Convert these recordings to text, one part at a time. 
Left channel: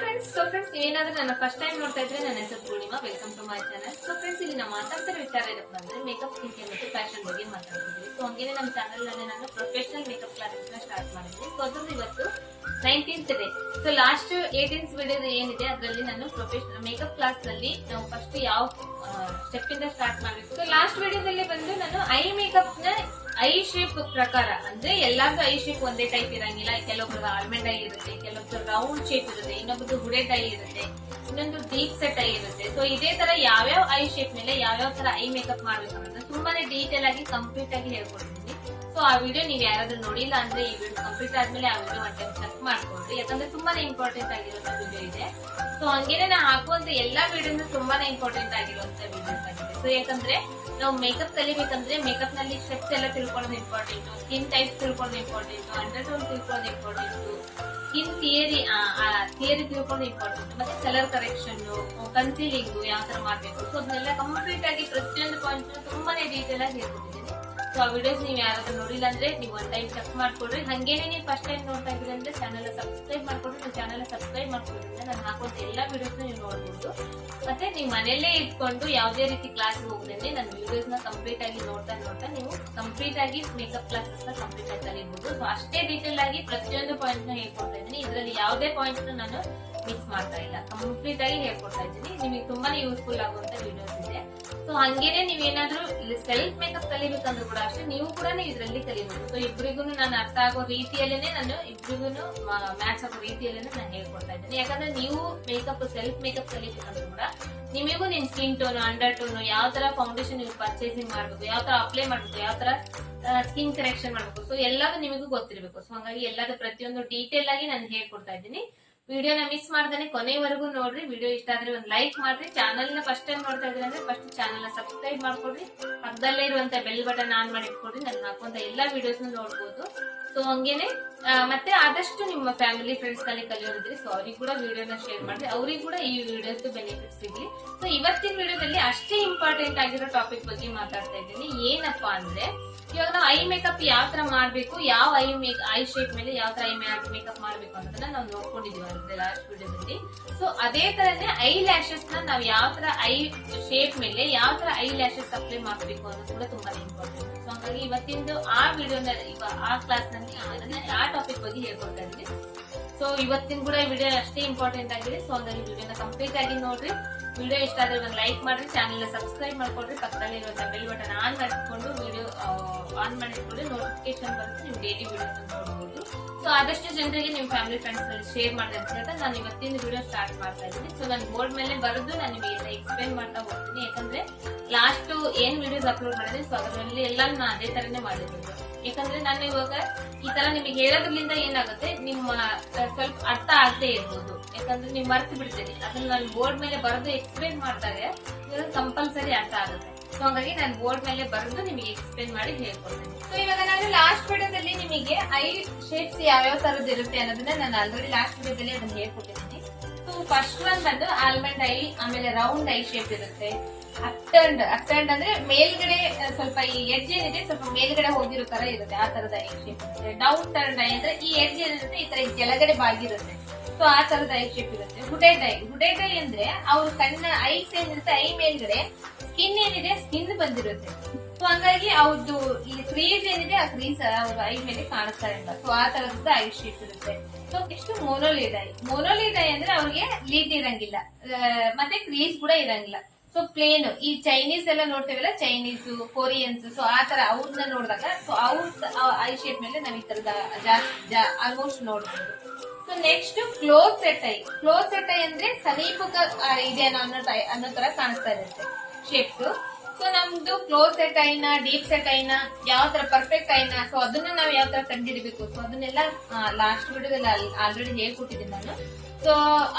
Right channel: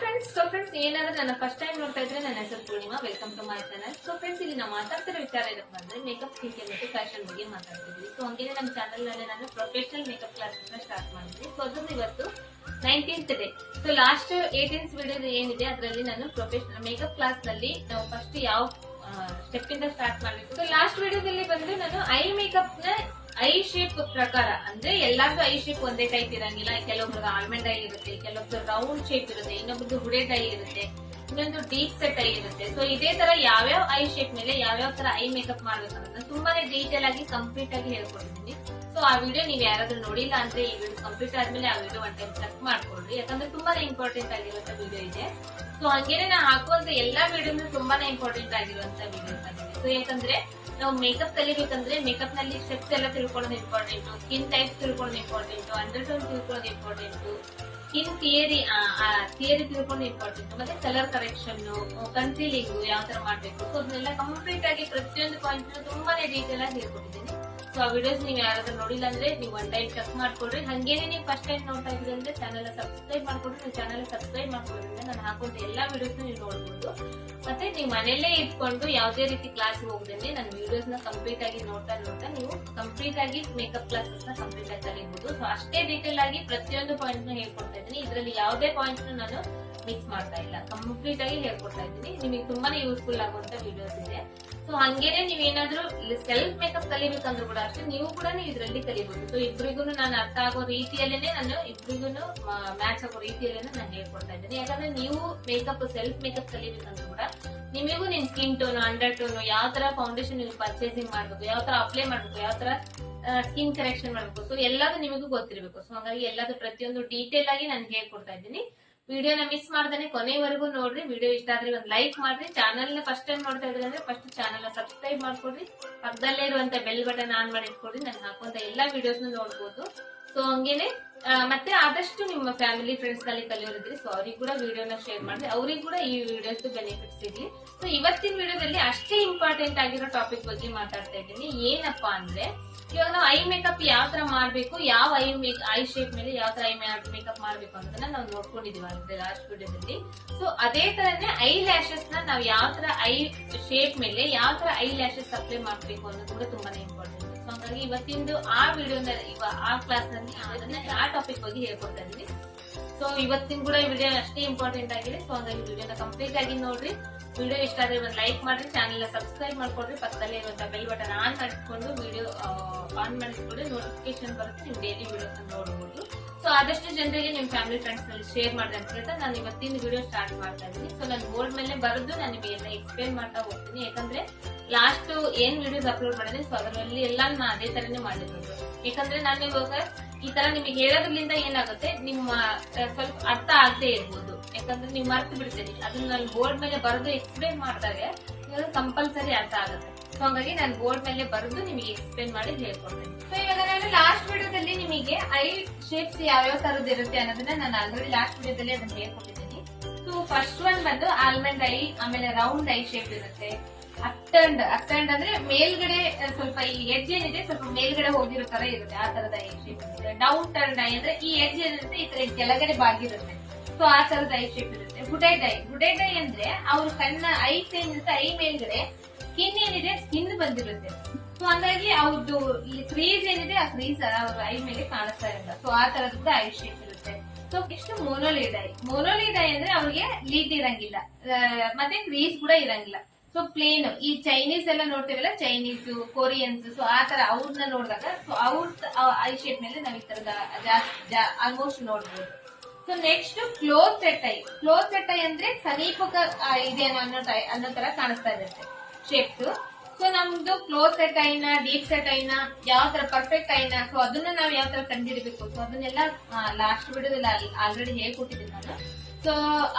Friends, ನೀವೇನಾದ್ರೂ ನನ್ನ first time ನೋಡ್ತಾ ಇದ್ರೆ ನನ್ನ ಹೆಸರು Purnima. Welcome to my channel. Friends, ಇಲ್ಲಿ ನಾವು ಮಾತಾಡ್ತಿರೋ ವಿಚಾರ ಏನಪ್ಪ ಅಂದ್ರೆ ಮೇಕಪ್, ಸ್ಕಿನ್ ಕೇರ್ ಮತ್ತು ಫ್ಯಾಷನ್ ಬಗ್ಗೆ ಮಾತಾಡ್ತಿದ್ವಿ. ಹಂಗೇನೆ ನಮ್ಮ ಚಾನಲ್ ನಲ್ಲಿ ನಾನು ಪ್ರೊಫೆಷನಲ್ ಮೇಕಪ್ ಕ್ಲಾಸಸ್ ಸ್ಟಾರ್ಟ್ ಮಾಡಿದ್ದೀನಿ. ಅದೊಂದು ಇವತ್ತು 19th day. Last 18th video ಏನಿದೆ ಅದರಲ್ಲಿ ನಾನು ಪ್ರೊಫೆಷನಲ್ ಮೇಕಪ್ ಕ್ಲಾಸ್ ನಲ್ಲಿ ನಾವು ಫಸ್ಟ್ ಯಾವ ಸ್ಟೆಪ್ ಇಂದ ಸ್ಟಾರ್ಟ್ ಮಾಡಬೇಕು. ಲಾಸ್ಟ್ ವಿಡಿಯೋದಲ್ಲಿ ಬಂದು ನಾನು ಐ ಮೇಕಪ್ ನ ಐ ಶೇಪ್ ಪ್ರಕಾರ, ಅಂದ್ರೆ ಎಲ್ಲಾರ್ದು ಐ ಶೇಪ್ ಒಂದೇ ಟೈಪ್ ಇರಂಗಿಲ್ಲ. ಕೆಲವೊಬ್ರು ಆಲ್ಮಂಡ್ ಐ ಇರುತ್ತೆ, ಕೆಲವೊಬ್ರು ರೌಂಡ್ ಶೇಪ್ ಇರುತ್ತೆ, ಇನ್ನೊಬ್ರದ್ದು ಹುಡೆಡ್ ಐ ಇರುತ್ತೆ, ಇನ್ನೊಂದು ಡೀಪ್ ಸೆಟ್ ಐ ಇರುತ್ತೆ. ಸೊ ಇದೇ ತರ ಯಾವ್ಯಾವ ಐ ಶೇಪ್ ಮೇಲೆ ಯಾವ್ಯಾವ ತರ ಐ ಮೇಕಪ್ ಮಾಡ್ಬೇಕು ಅನ್ನೋದನ್ನ ತುಂಬಾನೇ ಡೀಟೇಲ್ ಆಗಿ ಕಂಪ್ಲೀಟ್ ಆಗಿ ಹೇಳ್ಕೊಟ್ಟಿದ್ದೀನಿ. ಸೊ ಆ ವಿಡಿಯೋ ನೀವು ಯಾರಾದ್ರೂ ನೋಡಿಲ್ಲ ಅಂದ್ರೆ ಈ ವಿಡಿಯೋ ಕಂಪ್ಲೀಟ್ ಆದ್ಮೇಲೆ ಆ ವಿಡಿಯೋ ಒನ್ ಟೈಮ್ ಚೆಕ್ ಮಾಡ್ಕೊಳ್ರಿ, ಯಾಕಂದ್ರೆ ತುಂಬಾನೇ ಇಂಪಾರ್ಟೆಂಟ್ ಆಗಿರುವಂತ ವಿಡಿಯೋ ಇದೆ. ಸೊ ಹಂಗೇನೆ ನಾ ಹಾಕುವಂತ ಎಲ್ಲಾ ವಿಡಿಯೋನು ತುಂಬಾನೇ ಇಂಪಾರ್ಟೆಂಟ್ ಆಗಿರುವಂತ ವಿಡಿಯೋಸ್ ಆಗಿದೆ. ಸೊ ಯಾಕಂದ್ರೆ ನಾವು ಮೇಕಪ್ ಕಲಿಬೇಕಂದ್ರೆ ಮೇಕಪ್ ನಲ್ಲಿ ಸ್ಟೆಪ್ಸ್ ಎಲ್ಲ ತಿಳ್ಕೊಳ್ಳೋದು ಇಂಪಾರ್ಟೆಂಟ್, ಸ್ಕಿನ್ ಟೈಪ್ ತಿಳ್ಕೊಳ್ಳೋದು ಇಂಪಾರ್ಟೆಂಟ್, ಅಂಡರ್ ಟೋನ್ ತಿಳ್ಕೊಳ್ಳೋದು ಇಂಪಾರ್ಟೆಂಟ್, ಸ್ಕಿನ್ ಥಿಯರಿ ತಿಳ್ಕೊಳ್ಳೋದು ಇಂಪಾರ್ಟೆಂಟ್, ಮತ್ತೆ ಕಲರ್ ಕರೆಕ್ಷನ್, ಕನ್ಸೀಲಿಂಗ್ ಯಾವ ತರ ಮಾಡ್ಬೇಕು. ಸೊ ಅದನ್ನೆಲ್ಲ ಕಂಪ್ಲೀಟ್ ಆಗಿ ಪ್ರತಿಯೊಂದು ಪಾಯಿಂಟ್ ತುಂಬಾನೇ ಡೀಟೇಲ್ ಆಗಿ ಹೇಳ್ಕೊಟ್ಟಿದ್ದೀನಿ. ಸೊ ಆ ವಿಡಿಯೋಸ್ ನೀವು ಯಾರಾದ್ರೂ ನೋಡಿಲ್ಲ ಅಂದ್ರೆ ನೀವು ಒನ್ ಟೈಮ್ ಚೆಕ್ ಮಾಡ್ಕೊಡ್ರಿ. ಹಂಗೇನೆ ನೀವು ಫಸ್ಟ್ ಟೈಮ್ ನೋಡ್ತಾ ಇದ್ರೆ ಅಂದ್ರೆ ಚಾನಲ್ ಸಬ್ಸ್ಕ್ರೈಬ್ ಮಾಡ್ಕೊಡ್ರಿ. ನೀವು ಚಾನಲ್ ಸಬ್ಸ್ಕ್ರೈಬ್ ಮಾಡ್ಕೊಡ್ರಿಂದ ನಾನು ಹಾಕುವಂತ ಎಲ್ಲಾ ವಿಡಿಯೋಸ್ ನೀವು ನೋಡಬಹುದು. ಮತ್ತೆ ನೀವು ಮನೆಯಲ್ಲೇ ಇಟ್ಕೊಂಡು ಯಾವುದೇ ರೀತಿ ಕ್ಲಾಸ್ ಹೋಗದಂತೆ ನನ್ನ ವಿಡಿಯೋಸ್ ನ ಕಂಪ್ಲೀಟ್ ಆಗಿ ನೋಡ್ತಾ ನೀವು ಕಂಪ್ಲೀಟ್ ಆಗಿ ಮೇಕಪ್ ಕ್ಲಾಸಸ್ ನ ಕಂಪ್ಲೀಟ್ ಆಗಿ ಕಲಿಬಹುದು. ಸೊ ಅಷ್ಟೇ ಡೀಟೇಲ್ ಆಗಿ ಪ್ರತಿಯೊಂದು ಪಾಯಿಂಟ್ ನ ಹೇಳ್ಕೊಡ್ತಾ ಇದ್ದೀನಿ. ಇದರಲ್ಲಿ ಯಾವುದೇ ಪಾಯಿಂಟ್ ನಾನು ಮಿಕ್ಸ್ ಮಾಡ್ತಾ ಇಲ್ಲ, ಕಂಪ್ಲೀಟ್ ಆಗಿ ಹೇಳ್ಕೊಡ್ತಾ ಇದ್ದೀನಿ. ನಿಮಗೆ ತುಂಬಾನೇ ಯೂಸ್ಫುಲ್ ಆಗುವಂತ ವಿಡಿಯೋಸ್ ಇದೆ. ಸೊ ಹಂಗೇನೆ ನೀವೇನಾದ್ರೂ ಸೆಲ್ಫ್ ಮೇಕಪ್ ಕಲಿಬೇಕಂದ್ರೂ ಕೂಡ ಅಷ್ಟೇ ನೀವು ಕೂಡ ಇದರಲ್ಲಿ ಕಲಿಬಹುದು. ಸೊ ಇಬ್ಬರಿಗೂ ನಾನು ಅರ್ಥ ಆಗೋ ರೀತಿಯಲ್ಲೇನೆ ನಾನು ಇಬ್ಬರಿಗೂ ಮ್ಯಾಚ್ ಆಗೋ ರೀತಿಯಲ್ಲೇನೆ ನಾನು ಹೇಳ್ಕೊಡ್ತಾ ಇದ್ದೀನಿ. ಯಾಕಂದ್ರೆ ನೀವು ಮೇಕಪ್ ಸೆಲ್ಫ್ ಮೇಕಪ್ ಕಲಿಬೇಕಂದ್ರೂ ಕೂಡ ನಿಮಗೂ ನಿಮ್ ಸ್ಕಿನ್ ಟೋನ್, ಅಂಡರ್ ಟೋನ್, ಯಾವ ತರ ಫೌಂಡೇಶನ್ ನೀವು ಪರ್ಚೇಸಿಂಗ್ ಮಾಡ್ಬೇಕು, ಯಾವ ತರ ಅಪ್ಲೈ ಮಾಡ್ಬೇಕು, ಯಾವ ತರ ಸ್ಕಿನ್ ಕರೆಕ್ಷನ್ ಮಾಡ್ಬೇಕು, ಸೊ ಎಲ್ಲದೂ ನಿಮಗೂ ಗೊತ್ತಿರಬೇಕು. ಸೊ ಹಾಗಾಗಿ ಎಲ್ಲದೂ ಪ್ರತಿಯೊಂದು ಡೀಟೇಲ್ ಆಗಿ ನಾನು ಹೇಳ್ಕೊಡ್ತಾ ಇದ್ದೀನಿ. ವಿಡಿಯೋನ ಮಿಸ್ ಮಾಡ್ದಾನೆ ಕೊನೆವರೆಗೂ ನೋಡ್ರಿ. ವಿಡಿಯೋ ಇಷ್ಟ ಆದ್ರೆ ಒಂದು ಲೈಕ್ ಮಾಡ್ರಿ. ಚಾನಲ್ ನ ಫಸ್ಟ್ ಟೈಮ್ ನೋಡ್ತಾ ಇದ್ರೆ ಅಂದ್ರೆ ಫಸ್ಟ್ ಚಾನಲ್ ನ ಸಬ್ಸ್ಕ್ರೈಬ್ ಮಾಡ್ಕೊಡ್ರಿ. ಪಕ್ಕದಲ್ಲೇ ಇರುವಂತ ಬೆಲ್ ಬಟನ್ ಆನ್ ಮಾಡಿ ಇಟ್ಕೊಡ್ರಿ. ನಾನು ಹಾಕುವಂತ ಎಲ್ಲಾ ವಿಡಿಯೋಸ್ ನೋಡ್ಬೋದು. ಸೊ ಹಂಗೇನೆ ಮತ್ತೆ ಆದಷ್ಟು ನಿಮ್ಮ ಫ್ಯಾಮಿಲಿ ಫ್ರೆಂಡ್ಸ್ ನಲ್ಲಿ ಕಲಿಯೋರಿದ್ರಿ, ಸೊ ಅವ್ರಿಗೆ ಕೂಡ ವಿಡಿಯೋನ ಶೇರ್ ಮಾಡ್ರಿ, ಅವ್ರಿಗೆ ಕೂಡ ಈ ವಿಡಿಯೋಸ್ ಬೆನಿಫಿಟ್ಸ್ ಸಿಗ್ಲಿ. ಸೊ ಇವತ್ತಿನ ವಿಡಿಯೋದಲ್ಲಿ ಅಷ್ಟೇ ಇಂಪಾರ್ಟೆಂಟ್ ಆಗಿರೋ ಟಾಪಿಕ್ ಬಗ್ಗೆ ಮಾತಾಡ್ತಾ ಇದ್ದೀನಿ. ಏನಪ್ಪಾ ಅಂದ್ರೆ ಇವಾಗ ನಾವು ಐ ಮೇಕಪ್ ಯಾವ ತರ ಮಾಡ್ಬೇಕು, ಯಾವ ಐ ಶೇಪ್ ಮೇಲೆ ಯಾವ ತರ ಐ ಮೇಕಪ್ ಮಾಡ್ಬೇಕು ಅನ್ನೋದನ್ನ ನಾವು ನೋಡ್ಕೊಂಡಿದೀವಿ ಅಂದ್ರೆ ಲಾಸ್ಟ್ ವಿಡಿಯೋದಲ್ಲಿ. ಸೊ ಅದೇ ತರನೇ ಐ ಲ್ಯಾಶಸ್ ನ ನಾವು ಯಾವ ತರ ಐ ಶೇಪ್ ಮೇಲೆ ಯಾವ ತರ ಐ ಲ್ಯಾಶಸ್ ಅಪ್ಲೈ ಮಾಡ್ಬೇಕು ಅನ್ನೋದು ಕೂಡ ತುಂಬಾನೇ ಇಂಪಾರ್ಟೆಂಟ್. ಸೊ ಹಾಗಾಗಿ ಇವತ್ತಿಂದು ಆ ವಿಡಿಯೋನ ಆ ಕ್ಲಾಸ್ ನಲ್ಲಿ ಆ ಟಾಪಿಕ್ ಬಗ್ಗೆ ಹೇಳ್ಕೊಡ್ತಾ ಇದ್ದೀನಿ. ಸೊ ಇವತ್ತಿನ ಕೂಡ ಈ ವಿಡಿಯೋ ಅಷ್ಟೇ ಇಂಪಾರ್ಟೆಂಟ್ ಆಗಿದೆ. ಸೊ ಹಾಗಾಗಿ ವಿಡಿಯೋನ ಕಂಪ್ಲೀಟ್ ಆಗಿ ನೋಡ್ರಿ. ವಿಡಿಯೋ ಇಷ್ಟ ಆದ್ರೆ ಒಂದು ಲೈಕ್ ಮಾಡ್ರಿ, ಚಾನಲ್ ನ ಸಬ್ಸ್ಕ್ರೈಬ್ ಮಾಡ್ಕೊಡ್ರಿ, ಪಕ್ಕದಲ್ಲಿ ಇರುವಂತಹ ಬೆಲ್ ಬಟನ್ ಆನ್ ಮಾಡಿಕೊಂಡು ವಿಡಿಯೋ ಆನ್ ಮಾಡಿಕೊಂಡು ನೋಟಿಫಿಕೇಶನ್ ಬರುತ್ತೆ, ನೀವು ಡೈಲಿ ವಿಡಿಯೋಸ್ ನೋಡಬಹುದು. ಸೊ ಆದಷ್ಟು ಜನರಿಗೆ ನಿಮ್ ಫ್ಯಾಮಿಲಿ ಫ್ರೆಂಡ್ಸ್ ನಲ್ಲಿ ಶೇರ್ ಮಾಡಿ ಅಂತ ಹೇಳ್ತಾ ನಾನು ಇವತ್ತಿನ ವಿಡಿಯೋ ಸ್ಟಾರ್ಟ್ ಮಾಡ್ತಾ ಇದ್ದೀನಿ. ಸೊ ನಾನು ಬೋರ್ಡ್ ಮೇಲೆ ಬರೆದು ನಾನು ನಿಮಗೆ ಎಕ್ಸ್ಪ್ಲೇನ್ ಮಾಡ್ತಾ ಹೋಗ್ತೀನಿ. ಯಾಕಂದ್ರೆ ಲಾಸ್ಟ್ ಏನ್ ವಿಡಿಯೋಸ್ ಅಪ್ಲೋಡ್ ಮಾಡಿದ್ರೆ ಸೊ ಅದರಲ್ಲಿ ಎಲ್ಲ ನಾನು ಅದೇ ತರನೇ ಮಾಡಿರೋದು. ಯಾಕಂದ್ರೆ ನಾನು ಇವಾಗ ಈ ತರ ನಿಮಗೆ ಹೇಳೋದ್ರಿಂದ ಏನಾಗುತ್ತೆ, ನಿಮ್ಮ ಸ್ವಲ್ಪ ಅರ್ಥ ಆಗದೆ ಇರ್ಬೋದು, ಯಾಕಂದ್ರೆ ನೀವು ಮರ್ತು ಬಿಡ್ತೀರಿ. ಅದನ್ನ ನಾನು ಬೋರ್ಡ್ ಮೇಲೆ ಬರೆದು ಎಕ್ಸ್ಪ್ಲೇನ್ ಮಾಡಿದಾಗ ಕಂಪಲ್ಸರಿ ಅರ್ಥ ಆಗುತ್ತೆ. ಸೊ ಹಾಗಾಗಿ ನಾನು ಬೋರ್ಡ್ ಮೇಲೆ ಬರೆದು ನಿಮಗೆ ಎಕ್ಸ್ಪ್ಲೇನ್ ಮಾಡಿ ಹೇಳ್ಕೊಡ್ತೇನೆ. ಸೊ ಇವಾಗ ನಾನು ಲಾಸ್ಟ್ ವಿಡಿಯೋದಲ್ಲಿ ನಿಮಗೆ ಐ ಶೇಪ್ಸ್ ಯಾವ್ಯಾವ ತರದ್ದು ಇರುತ್ತೆ ಅನ್ನೋದನ್ನ ನಾನು ಆಲ್ರೆಡಿ ಲಾಸ್ಟ್ ವಿಡಿಯೋದಲ್ಲಿ ಅದನ್ನ ಹೇಳ್ಕೊಟ್ಟಿದ್ದೀನಿ. ಸೊ ಫಸ್ಟ್ ಒನ್ ಬಂದು ಆಲ್ಮಂಡ್ ಐ, ಆಮೇಲೆ ರೌಂಡ್ ಐ ಶೇಪ್ ಇರುತ್ತೆ, ಅಪ್ಟರ್ನ್ಡ್ ಅಂದ್ರೆ ಮೇಲ್ಗಡೆ ಸ್ವಲ್ಪ ಈ ಎಡ್ಜ್ ಏನಿದೆ ಸ್ವಲ್ಪ ಮೇಲ್ಗಡೆ ಹೋಗಿರೋ ತರ ಇರುತ್ತೆ, ಆ ತರದ ಐ ಶೇಪ್ ಇರುತ್ತೆ. ಡೌನ್ ಟರ್ನ್ ಐ ಅಂದ್ರೆ ಈ ಎಡ್ಜ್ ಏನಿರುತ್ತೆ ಈ ತರ ಕೆಳಗಡೆ ಬಾಗಿರುತ್ತೆ, ಸೊ ಆ ತರದ ಐ ಶೇಪ್ ಇರುತ್ತೆ. ಹುಡೆಡ್ ಐ ಅಂದ್ರೆ ಅವ್ರ ಕಣ್ಣ ಐಸ್ ಏನಿರುತ್ತೆ ಐ ಮೇಲ್ಗಡೆ ಸ್ಕಿನ್ ಏನಿದೆ ಸ್ಕಿನ್ ಬಂದಿರುತ್ತೆ. ಸೊ ಹಂಗಾಗಿ ಅವ್ರದ್ದು ಈ ಕ್ರೀಸ್ ಏನಿದೆ ಆ ಕ್ರೀಸ್ ಅವ್ರ ಐ ಮೇಲೆ ಕಾಣಿಸ್ತಾ ಇಲ್ಲ. ಸೊ ಆ ತರದ್ದು ಐ ಶೇಪ್ ಇರುತ್ತೆ. ಸೊ ಎಷ್ಟು ಮೊನೋಲಿಡ್ ಐ ಅಂದ್ರೆ ಅವ್ರಿಗೆ ಲೀಡ್ ಇರಂಗಿಲ್ಲ, ಮತ್ತೆ ಕ್ರೀಸ್ ಕೂಡ ಇರಂಗಿಲ್ಲ. ಸೊ ಪ್ಲೇನ್ ಈ ಚೈನೀಸ್ ಎಲ್ಲ ನೋಡ್ತೇವಲ್ಲ, ಚೈನೀಸ್, ಕೊರಿಯನ್ಸ್, ಸೊ ಆ ತರ ಅವ್ರನ್ನ ನೋಡಿದಾಗ ಸೊ ಅವ್ರ ಐ ಶೇಪ್ ಮೇಲೆ ನಾವ್ ಈ ತರದ ಆಲ್ಮೋಸ್ಟ್ ನೋಡ್ಬೋದು. So next close set I ಅಂದ್ರೆ ಸಮೀಪಕ ಇದೆ ಅನ್ನೋ ತರ ಕಾಣಿಸ್ತಾ ಇರುತ್ತೆ ಶೇಪ್ಸ್. ಸೊ ನಮ್ದು ಕ್ಲೋಸ್ ಸೆಟ್ ಐನ, ಡೀಪ್ ಸೆಟ್ ಐನ, ಯಾವ ತರ ಪರ್ಫೆಕ್ಟ್ ಐನ, ಸೊ ಅದನ್ನ ನಾವು ಯಾವ ತರ ಕಂಡಿಡ್ಬೇಕು, ಸೊ ಅದನ್ನೆಲ್ಲ ಲಾಸ್ಟ್ ವಿಡಿಯೋದಲ್ಲಿ ಆಲ್ರೆಡಿ ಹೇಳ್ಕೊಟ್ಟಿದ್ದೀನಿ ನಾನು. ಸೊ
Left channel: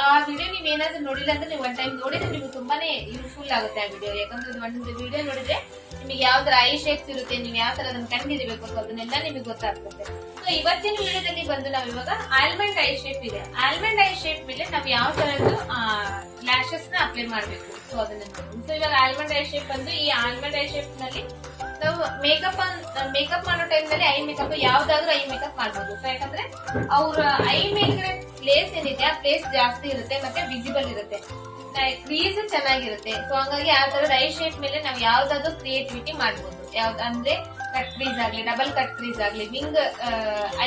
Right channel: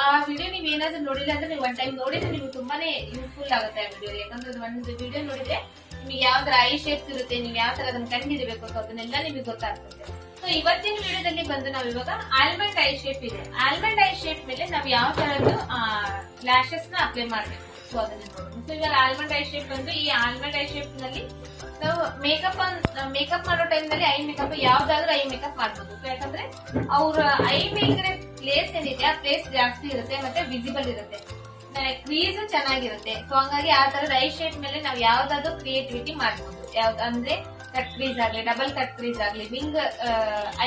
ಆ ವಿಡಿಯೋ ನೀವ್ ಏನಾದ್ರೂ ನೋಡಿಲ್ಲ ಅಂದ್ರೆ ನೀವು ಒನ್ ಟೈಮ್ ನೋಡಿದ್ರೆ ನಿಮ್ಗೆ ತುಂಬಾನೇ ಯೂಸ್ಫುಲ್ ಆಗುತ್ತೆ ಆ ವಿಡಿಯೋ. ಯಾಕಂದ್ರೆ ಒಂದು ವಿಡಿಯೋ ನೋಡಿದ್ರೆ ನಿಮ್ಗೆ ಯಾವ ತರ ಐ ಶೇಪ್ಸ್ ಇರುತ್ತೆ, ನೀವು ಯಾವ ತರ ಅದನ್ನ ಕಂಡಿಡಬೇಕು, ಸೊ ಅದನ್ನೆಲ್ಲ ನಿಮ್ಗೆ ಗೊತ್ತಾಗ್ತದೆ. ಸೊ ಇವತ್ತಿನ ವಿಡಿಯೋದಲ್ಲಿ ಬಂದು ನಾವ್ ಇವಾಗ ಆಲ್ಮಂಡ್ ಐ ಶೇಪ್ ಇದೆ, ಆಲ್ಮಂಡ್ ಐ ಶೇಪ್ ಮೇಲೆ ನಾವು ಯಾವ ತರದ್ದು ಲ್ಯಾಶಸ್ ನ ಅಪ್ಲೈ ಮಾಡ್ಬೇಕು, ಸೊ ಅದನ್ನ ನೋಡೋದು. ಸೊ ಇವಾಗ ಆಲ್ಮಂಡ್ ಐ ಶೇಪ್ ಬಂದು ಈ ಆಲ್ಮಂಡ್ ಐ ಶೇಪ್ ನಲ್ಲಿ ನಾವು ಮೇಕಪ್ ಮಾಡೋ ಟೈಮ್ ನಲ್ಲಿ ಐ ಮೇಕಪ್ ಯಾವ್ದಾದ್ರೂ ಐ ಮೇಕಪ್ ಮಾಡ್ಬೋದು. ಸೊ ಯಾಕಂದ್ರೆ ಅವ್ರ ಐ ಮೇಲ್ಗಡೆ ಪ್ಲೇಸ್ ಏನಿದೆ ಆ ಪ್ಲೇಸ್ ಜಾಸ್ತಿ ಇರುತ್ತೆ ಮತ್ತೆ ವಿಸಿಬಲ್ ಇರುತ್ತೆ, ಕ್ರೀಸ್ ಚೆನ್ನಾಗಿರುತ್ತೆ. ಸೊ ಹಂಗಾಗಿ ಆ ತರದ ಐ ಶೇಪ್ ಮೇಲೆ ನಾವು ಯಾವ್ದಾದ್ರು ಕ್ರಿಯೇಟಿವಿಟಿ ಮಾಡಬಹುದು. ಯಾವ್ದು ಅಂದ್ರೆ ಕಟ್ ಕ್ರೀಸ್ ಆಗ್ಲಿ, ಡಬಲ್ ಕಟ್ ಕ್ರೀಸ್ ಆಗ್ಲಿ, ವಿಂಗ್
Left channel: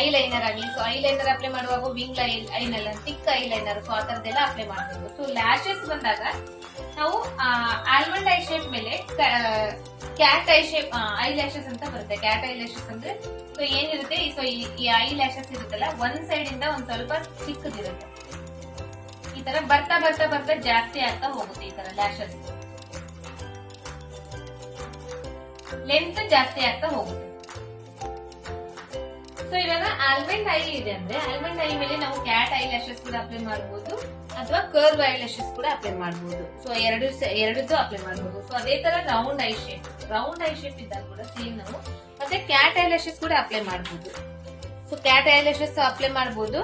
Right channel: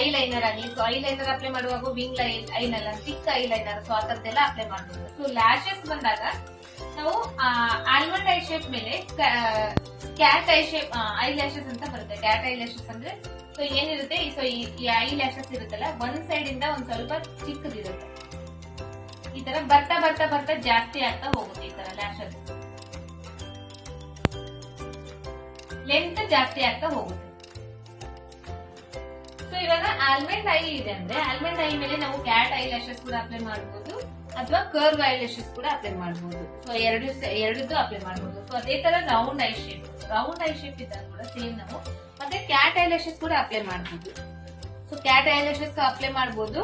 ಐ ಲೈನರ್ ಆಗ್ಲಿ. ಸೊ ಐ ಲೈನರ್ ಅಪ್ಲೈ ಮಾಡುವಾಗ wing I liner, thick I liner, so ಆ ತರದೆಲ್ಲ ಅಪ್ಲೈ ಮಾಡಬಹುದು. ಸೊ ಲ್ಯಾಶಸ್ ಬಂದಾಗ ನಾವು ಆಲ್ಮಂಡ್ ಐ ಶೇಪ್ ಮೇಲೆ cat I shape I lashes ಅಂತ ಬರುತ್ತೆ. ಕ್ಯಾಟ್ ಐ ಲ್ಯಾಶಸ್ ಅಂದ್ರೆ ಸೊ ಏನಿರುತ್ತೆ, ಸೊ ಈ ಐ ಲ್ಯಾಶಸ್ ಇರುತ್ತಲ್ಲ ಒಂದ್ ಸೈಡ್ ಇಂದ ಒಂದ್ ಸ್ವಲ್ಪ ಚಿಕ್ಕದಿರುತ್ತೆ. ಈ ತರ ಬರ್ತಾ ಬರ್ತಾ ಬರ್ತಾ ಜಾಸ್ತಿ ಆಗ್ತಾ ಹೋಗುತ್ತೆ. ಈ ತರ ಲ್ಯಾಶಸ್ ಲೆಂತ್ ಜಾಸ್ತಿ ಆಗ್ತಾ ಹೋಗುತ್ತೆ. ಸೊ ಇವಾಗ ಆಲ್ಮಂಡ್ ಐ ಇದೆ ಅಂದ್ರೆ ಆಲ್ಮಂಡ್ ಐ ಮೇಲೆ ನಾವು ಕ್ಯಾಟ್ ಐ ಲ್ಯಾಶಸ್ ಕೂಡ ಅಪ್ಲೈ ಮಾಡಬಹುದು ಅಥವಾ ಕರ್ವ್ ಐ ಲ್ಯಾಶಸ್ ಕೂಡ ಅಪ್ಲೈ ಮಾಡಬಹುದು. ಸೊ ಎರಡದ್ದು ಅಪ್ಲೈ ಮಾಡಬಹುದು. ಸೊ ಅದೇ ತರ ರೌಂಡ್ ಐ ಶೇಪ್ ಇದ್ದಾಗ ಕೂಡ ಸೇಮ್ ನಾವು ಮತ್ತೆ ಕ್ಯಾಟ್ ಐ ಲ್ಯಾಶಸ್ ಕೂಡ ಅಪ್ಲೈ ಮಾಡಬಹುದು. So cat I lashes apply ಮಾಡಬಹುದು.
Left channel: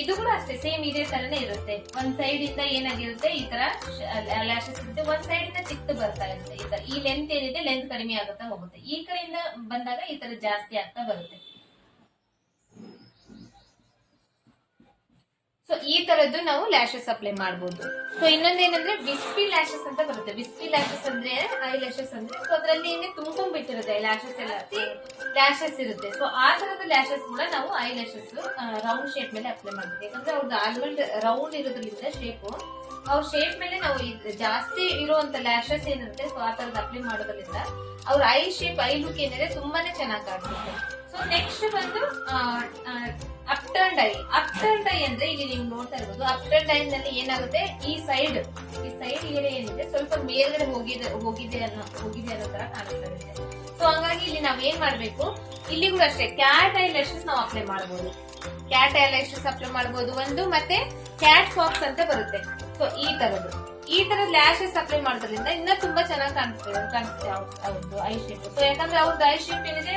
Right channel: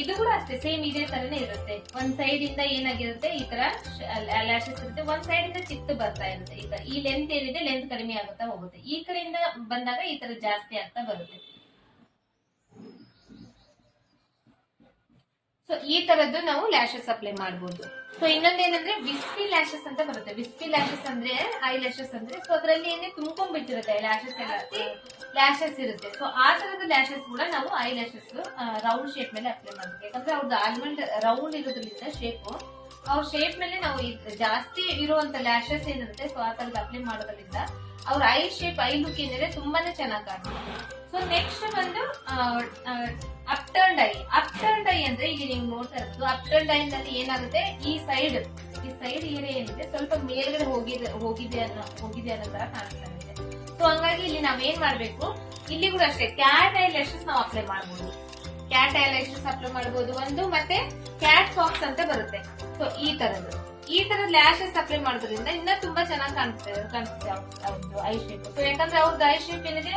ಇದು ಕೂಡ ಅಷ್ಟೇ ಸೇಮ್ ಇದೇ ತರನೇ ಇರುತ್ತೆ. ಒಂದ್ ಸೈಡ್ ಇಂದ ಏನಾಗಿರುತ್ತೆ ಈ ತರ ಲ್ಯಾಶಸ್ ಇರುತ್ತೆ, ಒಂದ್ ಸೈಡ್ ಇಂದ ಚಿಕ್ಕ ಬರ್ತಾ ಇರುತ್ತೆ. ಈ ಲೆಂತ್ ಏನಿದೆ ಲೆಂತ್ ಕಡಿಮೆ ಆಗುತ್ತಾ ಹೋಗುತ್ತೆ. ಈ ಕಡೆಯಿಂದ ಬಂದಾಗ ಈ ತರ ಜಾಸ್ತಿ ಆಗ್ತಾ ಬರುತ್ತೆ. ಸೊ ಈ ತರದ್ದು ನಾವು ಲ್ಯಾಶಸ್ ಅಪ್ಲೈ ಮಾಡಬಹುದು. ಸೊ ಇನ್ನೊಂದೇನಂದ್ರೆ ವಿಸ್ಪಿ ಲ್ಯಾಶಸ್ ಅಂತ ಬರುತ್ತೆ. ವಿಸ್ಪಿ ಲ್ಯಾಶಸ್ ಅಂದ್ರೆ ಐ ಲ್ಯಾಶಸ್ ಅಂದ್ರೆ ಸೊ ಅದ್ರಲ್ಲಿ ಏನೇ ತುಂಬಿಟ್ಟಿರುತ್ತೆ ಲ್ಯಾಶಸ್ ಎಲ್ಲ ಲ್ಯಾಶಸ್ ಇರುತ್ತೆ. ಸೊ ಆ ತರದ ಲ್ಯಾಶಸ್ ಕೂಡ ನಾವು ಐ ಲ್ಯಾಶಸ್ ರೌಂಡ್ ಶೇಪ್ ಮೇಲೆ ಅಪ್ಲೈ ಮಾಡಬೇಕು. ಯಾಕಂದ್ರೆ ಅವ್ರದ್ದು ಆಲ್ಮಂಡ್ ರೌಂಡ್ ಇರೋದ್ರಿಂದ ಅವ್ರ ಶೇಪ್ ಮೇಲೆ ನಾವು ಜಾಸ್ತಿ ಇರುವಂತ ಲ್ಯಾಶಸ್ ಏನಿರುತ್ತೆ ಸೊ ಆ ತರದ ಅಪ್ಲೈ ಮಾಡೋದ್ರಿಂದ ಅವ್ರ ಐ ಶೇಪ್ ಐ ಲುಕ್ ಏನಿದೆ ತುಂಬಾನೇ ಚೆನ್ನಾಗಿ ಕಾಣುತ್ತೆ. ಸೊ ನೆಕ್ಸ್ಟ್ ಬಂದು ಅಪ್ಟರ್ನ್ಡ್ ಐ ಅಂದ್ರೆ ಇಲ್ಲಿ ನೀವು ನೋಡ್ತಾ ಇರ್ಬೋದು. ಅಪ್ಟರ್ನ್ಡ್ ಐ ನಲ್ಲಿ ಏನಾಗುತ್ತೆ ಈ ಸೈಡ್ ಏರಿಯಾ ಏನಿದೆ ಸ್ವಲ್ಪ ಮೇಲ್ಗಡೆ ಹೋಗಿದೆ ಅನ್ನೋ ತರ ಕಾಣಿಸ್ತಾ ಇದೆ. ಸೊ ಹಂಗಾಗಿ ಇಲ್ಲಿ ನಾವೇನ್ ಮಾಡ್ಬೇಕು, ಇಲ್ಲಿ ಕೂಡ ಅಷ್ಟೇ ಕ್ಯಾಟ್ ಐ ಲ್ಯಾಶಸ್ ನಾವು ಅಪ್ಲೈ ಮಾಡಬಹುದು. ಕ್ಯಾಟ್ ಐ ಲ್ಯಾಶಸ್ ಅಪ್ಲೈ ಮಾಡಬಹುದು ಒಂದು, ಮತ್ತೆ ಕ್ಯಾಟ್ ಫಾಕ್ಸ್ ಅಂತ ಬರುತ್ತೆ. ಸೊ ಈ ತರದ್ ಲ್ಯಾಶಸ್ ಅಪ್ಲೈ ಮಾಡೋದ್ರಿಂದ ಇನ್ನ ತುಂಬಾ ಚೆನ್ನಾಗಿ ಕಾಣಿಸುತ್ತೆ ಅವ್ರದ್ದು ಐ ಶೇಪ್. ಸೊ ಯಾಕಂದ್ರೆ ಅವ್ರದ್ದು ಐ ಶೇಪ್ ಏನಿದೆ